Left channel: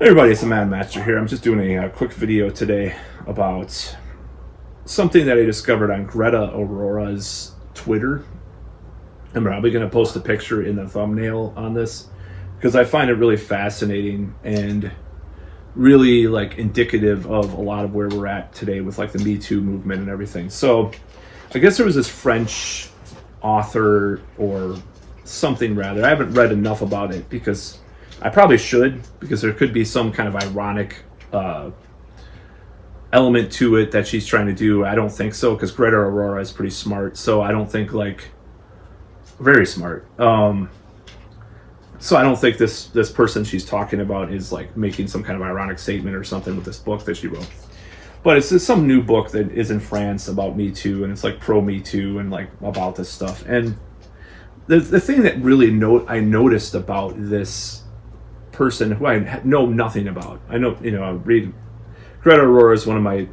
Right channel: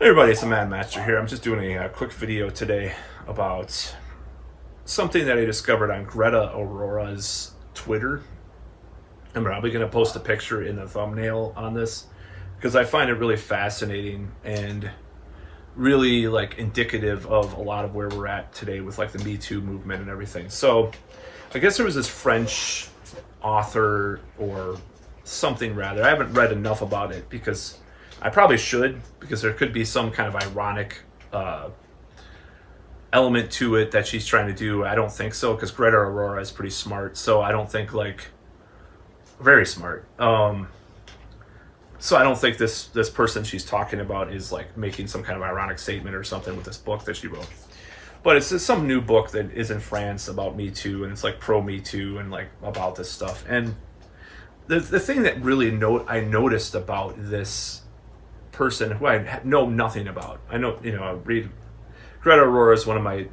Hey everybody, it's the Mad Master here. I'm just doing a quick video today about something that I discovered on Greta Aurora's Twitter. I'm probably going to post a picture in the thumbnail on this because I find it really fascinating and really indicative of a lot of where we're at today with the Me Too movement and everything. So I guess there was this French author or something rather. I haven't read enough about it because I probably should, because there could be some kind of ironic element to it that she's trying to do. I don't think so, because Greta Aurora is pretty smart. So I don't think very smart. So I don't think this person she's talking about is making some kind of ironic statement or something with this book that she wrote. But it's some new book that is in France about Me Too, and it's pro Me Too and about this stuff. And the thing that really I noticed about this person who I know nothing about. I know, I read Greta Aurora is one of my,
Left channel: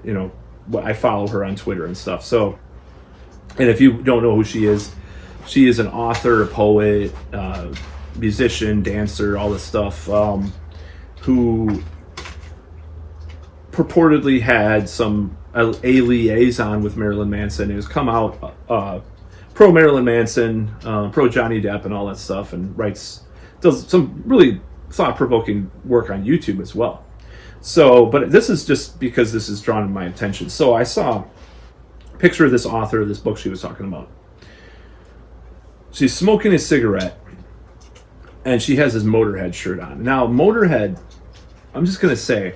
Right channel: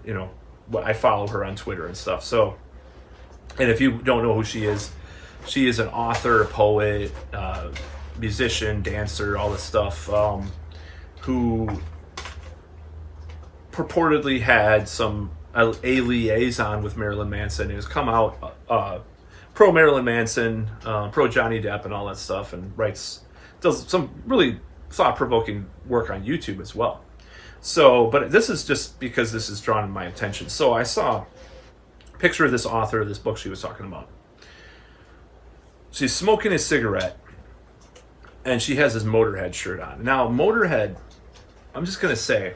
I follow her on Twitter and stuff. So, and if you don't know who she is an author, a poet, musician, dancer, all this stuff, who purportedly had a liaison with Marilyn Manson and has come out pro Marilyn Manson, pro Johnny Depp and all that stuff, and does some really thought-provoking work on YouTube as well. So, but this is just because this is drawn my attention. So I saw a picture of this author of this book she was talking about. She's smoking a cigarette and she has this Motorhead shirt on. Now, Motorhead, I'm just going to say,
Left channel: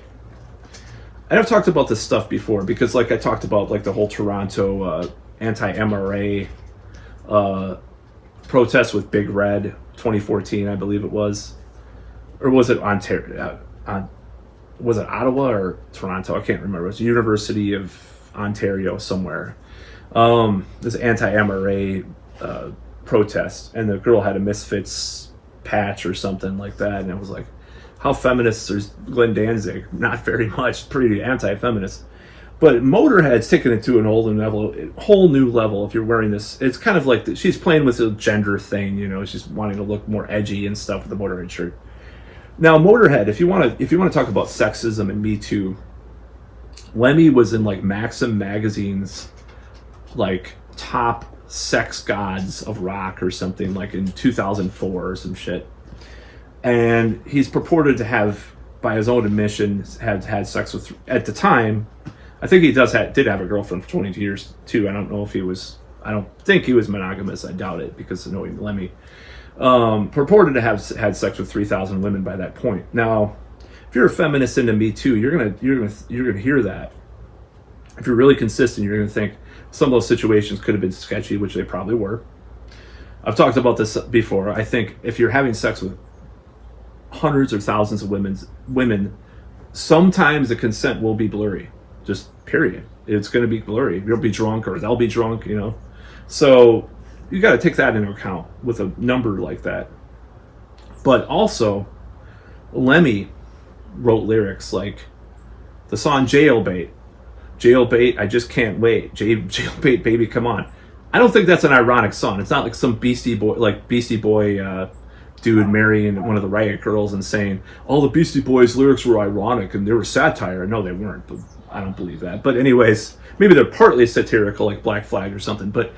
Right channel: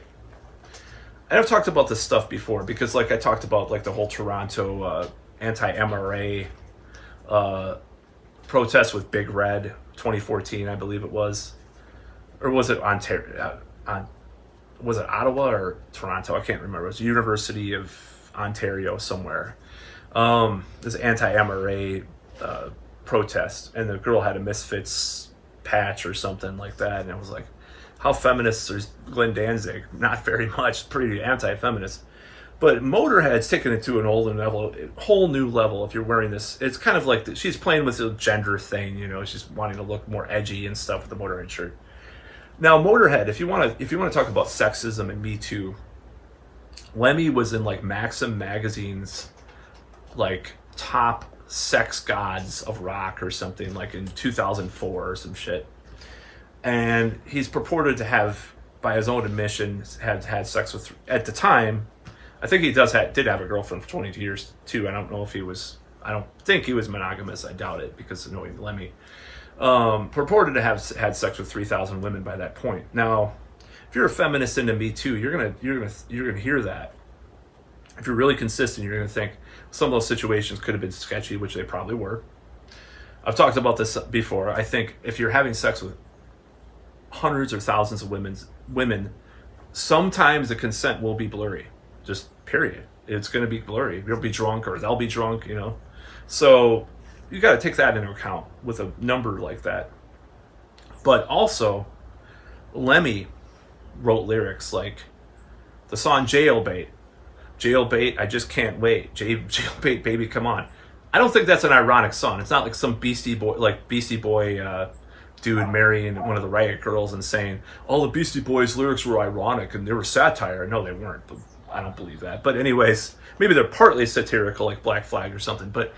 and I've talked about this stuff before because I talked about the whole Toronto anti-MRA protest with Big Red 2014, I believe it was. Or was it Ontario? Was it Ottawa or Toronto? I can't remember. It was the University of Ontario somewhere. This anti-MRA protest, and the girl had a Misfits patch or something like that, and it was how feminist is Glenn Danzig? Not very much. Pretty anti-feminist. But Motorhead's taking it to an whole new level. If you're wearing this, it's kind of she's playing with the gender thing. She's wanting to look more edgy and stuff with the Motorhead shirt. Now, Motorhead, if you want to talk about sexism and Me Too, Lemmy was in Maxim magazine's top sex gods of rock or something in 2004 or some shit. And he's purported to have, by his own admission, had sex with, at the time, I think he did have a girlfriend for 22 years too. I don't think he was monogamous. I doubt it, because knowing Lemmy. Purported to have had sex with 3,000 women by that point. Now, if you're a feminist into Me Too, you're gonna hear that. If you're really consistent, you're gonna think some of those situations could have been sketchy, which they probably were. I've talked about this before. I think if you're having sex with hundreds of thousands of women, sometimes the consent will be blurry. Just period. It's gonna be blurry. You'll be drunk, or they'll be drunk. So you got to take that into account with a number like that. But also, Lemmy wrote lyrics like the song Jailbait. Jailbait, I just can't wait. Jailbait, baby, come on. I don't think that's an ironic song. It's not some Beastie Boy dude marrying one of the Riot Girls and saying, all the Beastie Boys lyrics were ironic and they were satire. No, they weren't. But I don't believe that. But anyways, maybe they're partly satirical, like Black Flag or something. But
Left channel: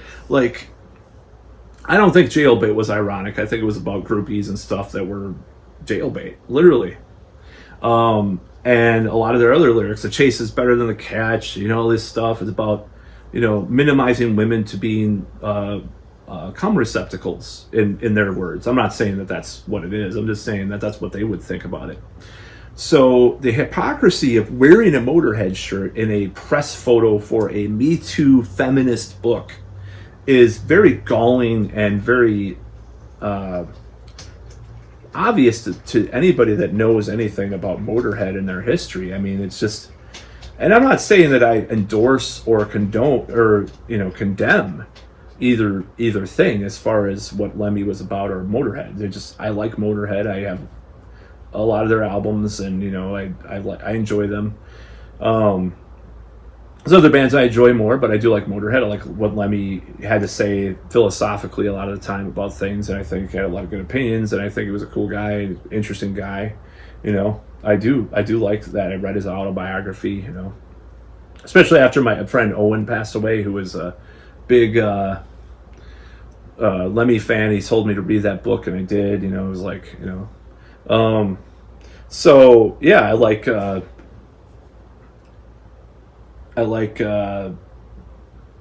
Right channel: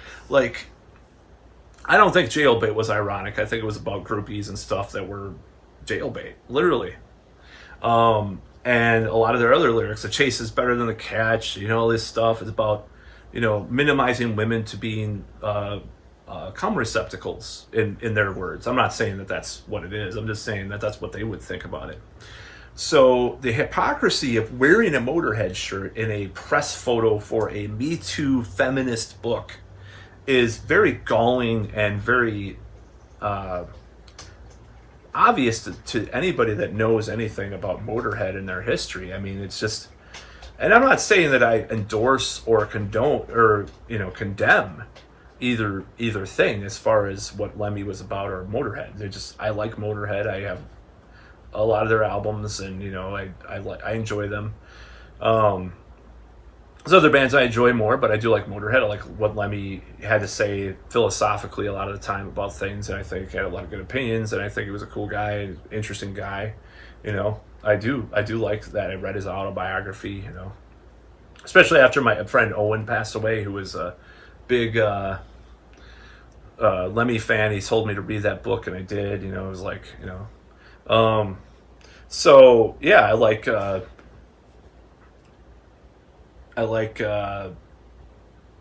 I don't think Jailbait was ironic. I think it was about groupies and stuff that were jailbait, literally. And a lot of their other lyrics, the chase is better than the catch, all this stuff is about, minimizing women to being cum receptacles, in their words. I'm not saying that that's what it is. I'm just saying that that's what they would think about it. So the hypocrisy of wearing a Motorhead shirt in a press photo for a Me Too feminist book is very galling and very obvious to anybody that knows anything about Motorhead and their history. I mean, it's just, and I'm not saying that I endorse or condone or condemn either thing as far as what Lemmy was about or Motorhead. I like Motorhead. I have a lot of their albums, and I enjoy them. There's other bands I enjoy more, but I do like Motorhead. I like what Lemmy had to say philosophically a lot of the time about things, and I think he had a lot of good opinions, and I think he was a cool guy, interesting guy. You know, I do like that. I read his autobiography. You know, especially after my friend Owen passed away, who was a big Lemmy fan. He told me to read that book, and I did. You know, it was like, you know, so yeah, I like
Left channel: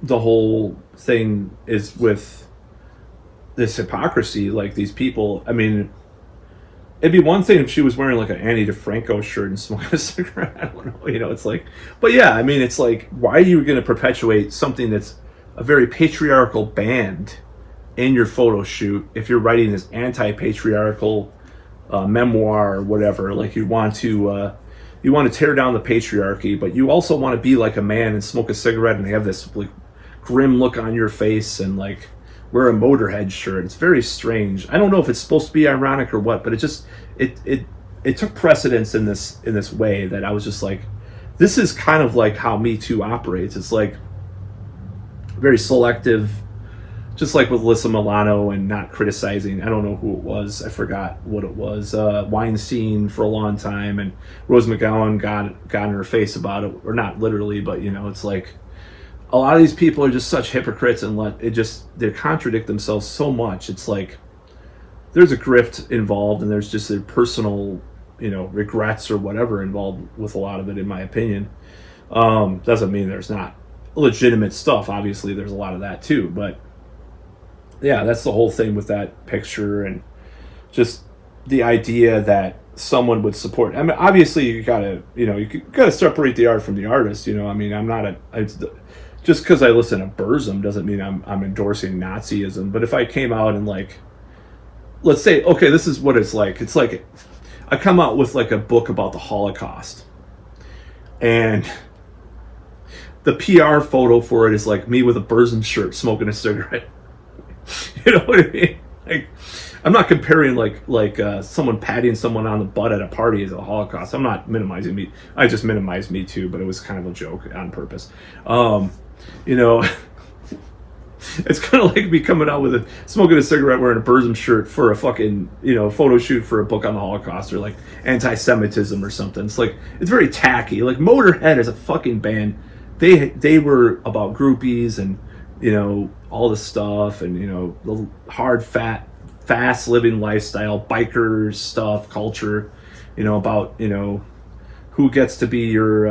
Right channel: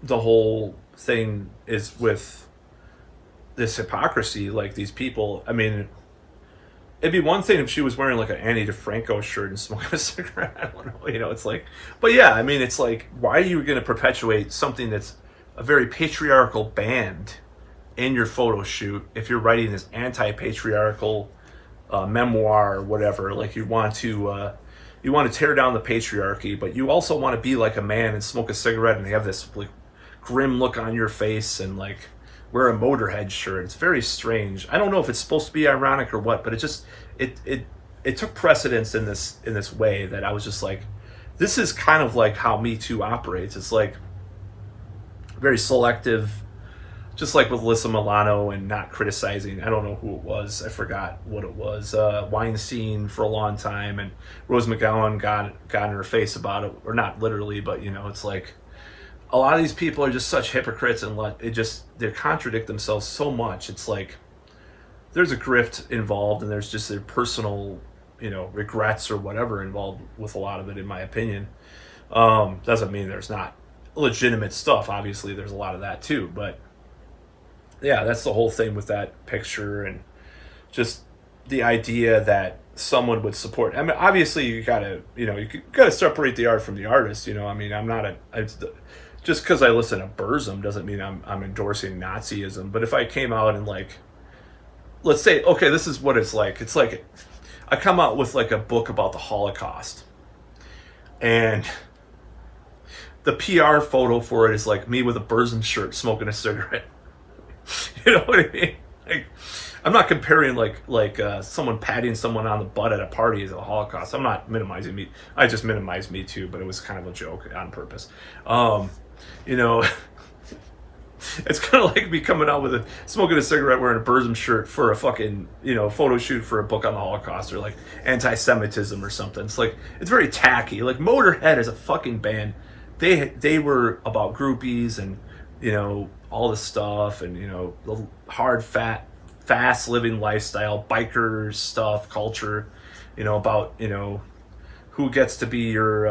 the whole thing is with this hypocrisy. Like these people, I mean, it'd be one thing if she was wearing like an Annie DeFranco shirt and smoking a cigarette. I don't know, you know, it's like, but yeah, I mean, it's like, why are you going to perpetuate something that's a very patriarchal band in your photo shoot if you're writing this anti-patriarchal memoir or whatever? Like you want to tear down the patriarchy, but you also want to be like a man and smoke a cigarette and have this like grim look on your face and like wear a Motorhead shirt. It's very strange. I don't know if it's supposed to be ironic or what, but it took precedence in this way that I was just like, this is kind of like how Me Too operates. It's like very selective, just like with Alyssa Milano and not criticizing. I don't know who it was. I forgot what it was. Weinstein for a long time, and Rose McGowan got in her face about it, or not literally, but you know, it's like a lot of these people are just such hypocrites and they contradict themselves so much. It's like there's a grift involved, and there's just their personal, you know, regrets or whatever involved with a lot of it, in my opinion. Doesn't mean there's not legitimate stuff. Obviously, there's a lot of that too, but yeah, that's the whole thing with that picture, and just the idea that someone would support. I mean, obviously, you gotta separate the art from the artist. You know, I mean, just because I listen to Burzum doesn't mean I'm endorsing Nazism. But if I came out and like, let's say, okay, this is what it's like. It's like I come out with like a book about the Holocaust, and the PR photo for it is like me with a Burzum shirt smoking a cigarette. You know what I mean? Like, I'm not comparing like someone patting someone on the butt at a party as a Holocaust. I'm not minimizing me. I just minimized Me Too, but it was kind of a joke on purpose. You know, it's kind of like me coming out with smoking a cigarette, wearing a Burzum shirt for a fucking, you know, photo shoot for a book on the Holocaust or like anti-Semitism or something. It's like, it's very tacky. Like Motorhead as a fucking band, they were about groupies and, you know, all this stuff, and you know, the hard, fast living lifestyle, biker stuff, culture, you know, about, you know, who gets to be your,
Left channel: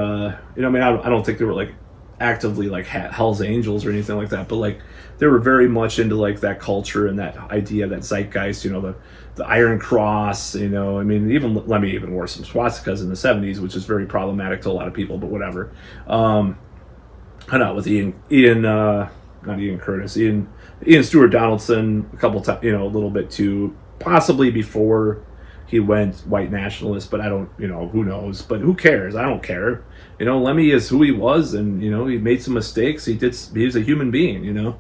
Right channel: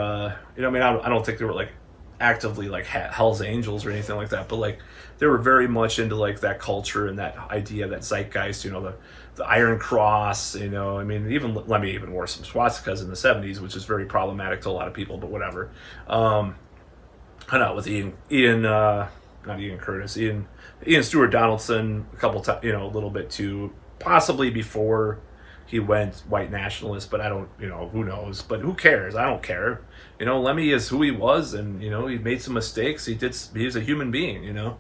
you know, I mean, I don't think they were like actively like Hell's Angels or anything like that, but like they were very much into like that culture and that idea, that zeitgeist, you know, the Iron Cross, you know, I mean, even Lemmy even wore some swastikas in the 70s, which is very problematic to a lot of people, but whatever. I know with not Ian Curtis, Ian Stewart Donaldson a couple times, you know, a little bit too, possibly before he went white nationalist, but I don't, you know, who knows, but who cares? I don't care. You know, Lemmy is who he was, and, you know, he made some mistakes. He was a human being, you know?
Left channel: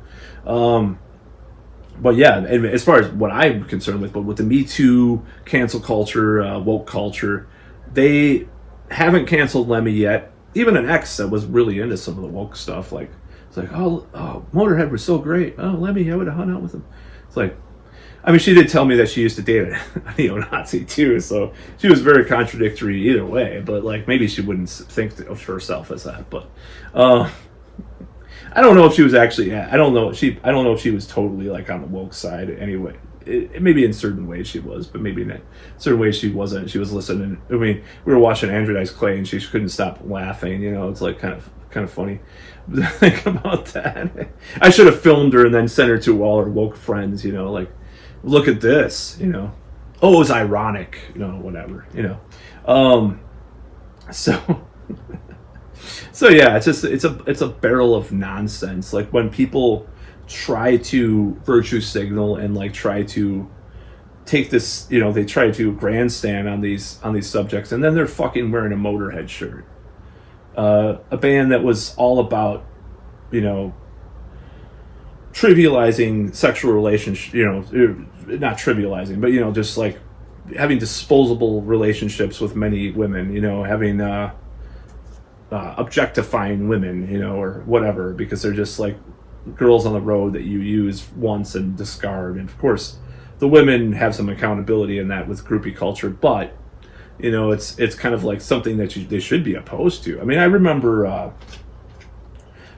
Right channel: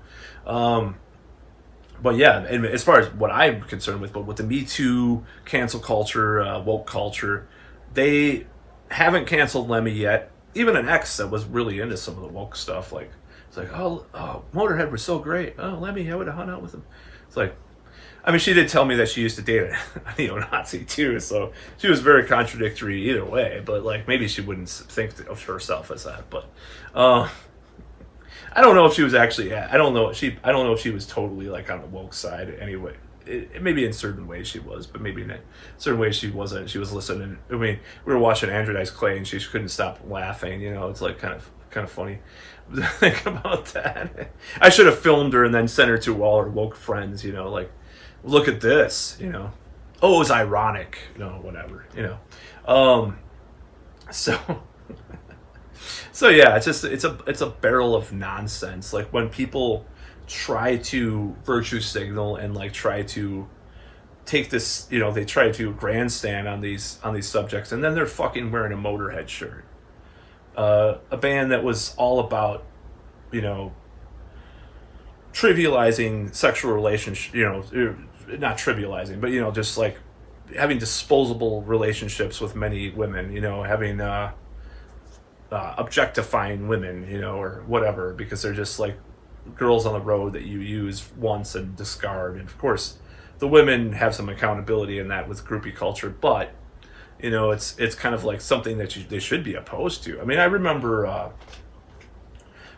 But yeah, and as far as what I'm concerned with, but with the Me Too, cancel culture, woke culture, they haven't canceled Lemmy yet. Even an ex that was really into some of the woke stuff, like, it's like, oh, Motorhead was so great. Oh, Lemmy, I would have hung out with him. It's like, I mean, she did tell me that she used to date a neo-Nazi too, so she was very contradictory either way. But like, maybe she wouldn't think of herself as that. But I don't know if she was actually. Yeah, I don't know if she was totally like on the woke side anyway. Maybe in certain ways she was, but maybe in certain ways she wasn't. She was listening. I mean, we were watching Andrew Dice Clay, and she couldn't stop laughing. You know, it's like kind of funny. Think about that. I should have filmed her and then sent her to all her woke friends. You know, like, look at this. You know, oh, it was ironic. You know, whatever. You know, so yeah, it's a barrel of nonsense. Like when people try to virtue signal and like try to take this, you know, they try to grandstand on these subjects, and then they're fucking wearing a Motorhead shirt. A band that was all about, you know, trivializing sexual relationship, you know, not trivializing, but, you know, just like having disposable relationships with many women, you know, having objectifying women, you know, or whatever, because they're just like girls on the road that you use once and discard. And of course, the women have some accountability in that with groupie culture, but You know, it's kind of like something that they should be opposed to. I mean, I remember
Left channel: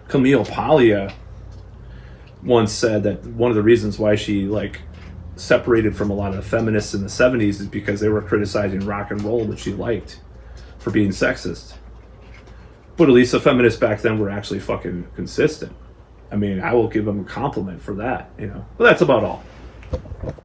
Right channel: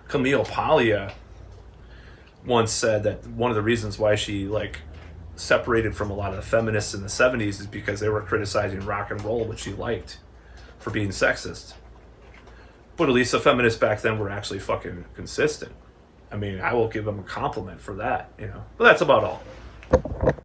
Camille Paglia once said that one of the reasons why she like separated from a lot of the feminists in the 70s is because they were criticizing rock and roll, which she liked, for being sexist. But at least the feminists back then were actually fucking consistent. I mean, I will give them a compliment for that, you know. But that's about all.